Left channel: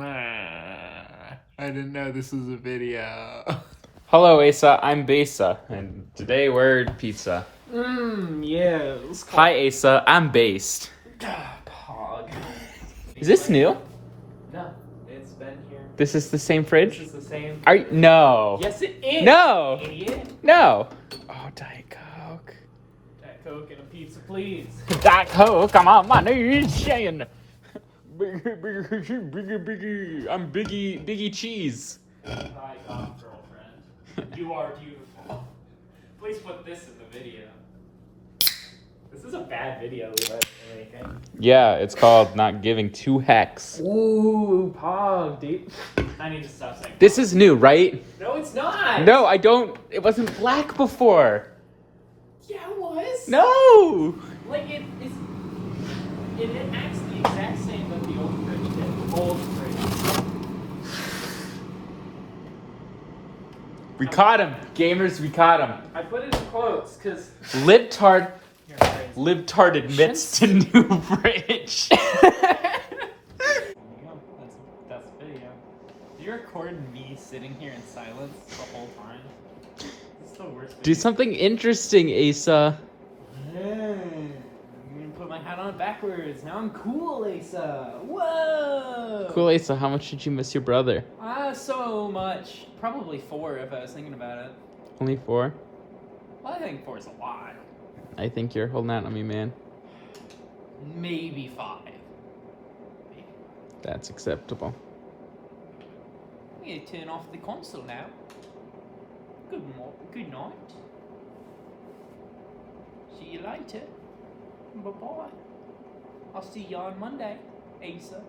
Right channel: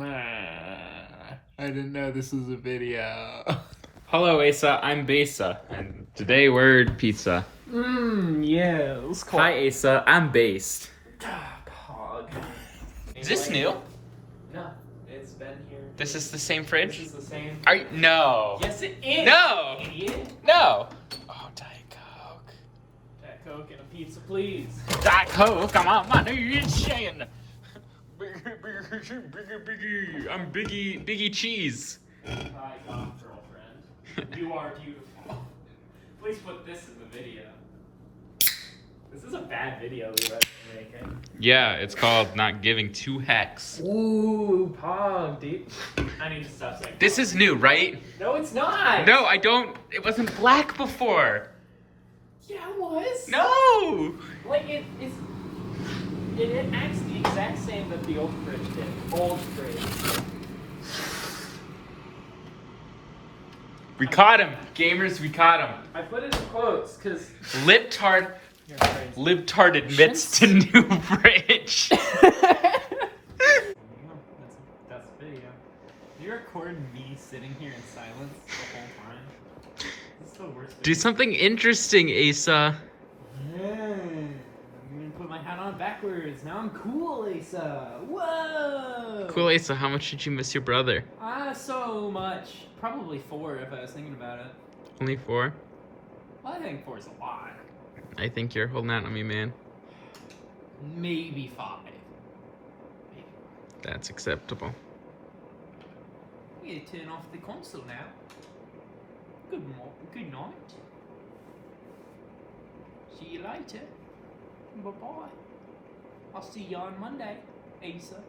I didn't know this was a video. Hello, Asa. I'm Besa, and today we're pizza. Yeah. Hi, Asa. I'm Based. Pog. Is this new? No, it's been here. This is the same fridge? This is the same. Are you? No. Yes, it is. No. Idiot. No. Oh, Diet Coke. Diet Coke and a pizza, please. Diet Coke. I'm on my knees saying, Biggie. I'm Biggie Cheese. Hi, girlfriend. You are beautiful. Please put this in the video. This is a bad video Levi's making. Yeah, it's called Not Giving Two Hecks. Ooh, Pog, dude. I need to stop saying This is new, right? No, it's not. No, I don't. It wasn't black before. Yeah, it was. No. Like, it acts the exact same that the old fridge did. Old fridge. We caught him. Gamers, we caught him. I put it in quotes, because... Libtard. You're crazy. Libtard admits to new fridge. That's the video. Do you record me sitting here in silence the whole time? It's the worst Do something interesting, Asa. I'm gonna put my hat on backwards. Now I'm cool, Asa. Whoa! Cool, Asa. How much did you miss your brother? So much. Probably 4 if I was thinking about it. Only 4? Well, I think 4 is a lot. I think you're holding out on me, man. Maybe 5. Maybe. That's acceptable. I'm gonna turn off the console now. Good night. See you later. Bye-bye. I'll see you on Monday, Asa.